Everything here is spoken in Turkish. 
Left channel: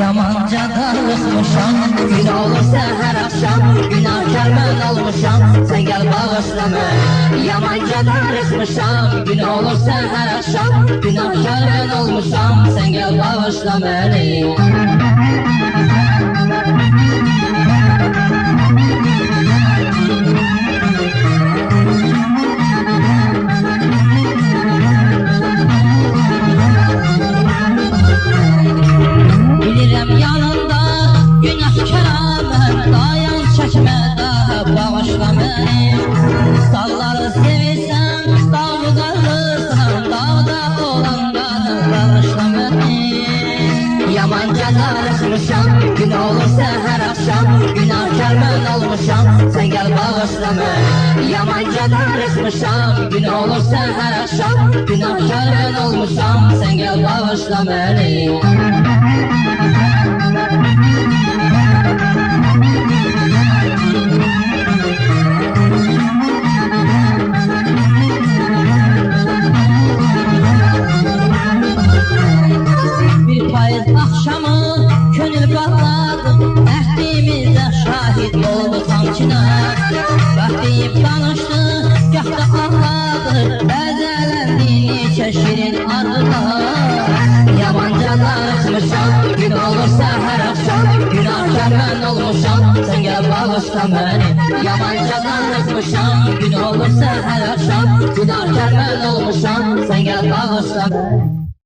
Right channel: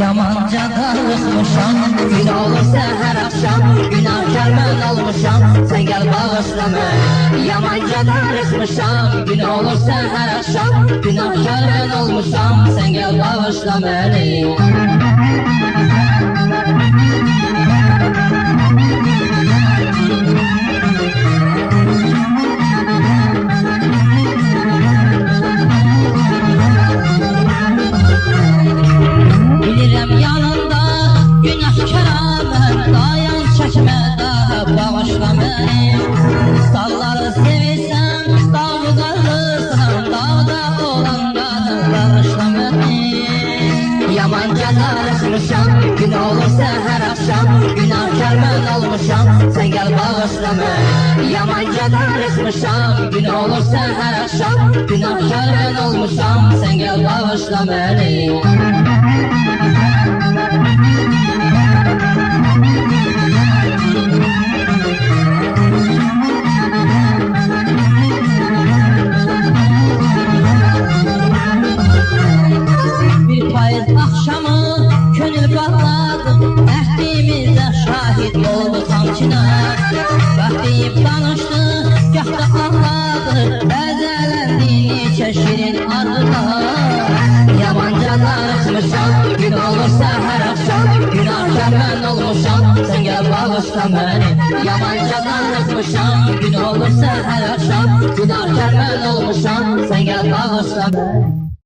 Yamanca darılmışam, gün olursa her akşam günahkar ben olmuşam, sen gel bağışla beni. Yamanca darılmışam, gün olursa her akşam günahkar ben olmuşam, sen gel bağışla beni. Bilirim yanında günahkar ben, dayan çekme daha bağışla beni. Dağları sevirsem, dağı karırsam, dağda olanları bağışla beni. Yamanca darılmışam, gün olursa her akşam günahkar ben olmuşam, sen gel bağışla beni. Yamanca darılmışam, gün olursa her akşam günahkar ben olmuşam, sen gel bağışla beni. Bir payız akşamı könül bağladım, əhdimizdə şahid oldu sankiler. Bəxtiyim danışdı, gahda ağladı, bəzələndiyini şeşirin ardıda. Yamanca darılmışam, gün olursa her akşam günahkar ben olmuşam, sen gel bağışla beni. Yamanca darılmışam, gün olursa her akşam günahkar ben olmuşam, sen gel bağışla beni.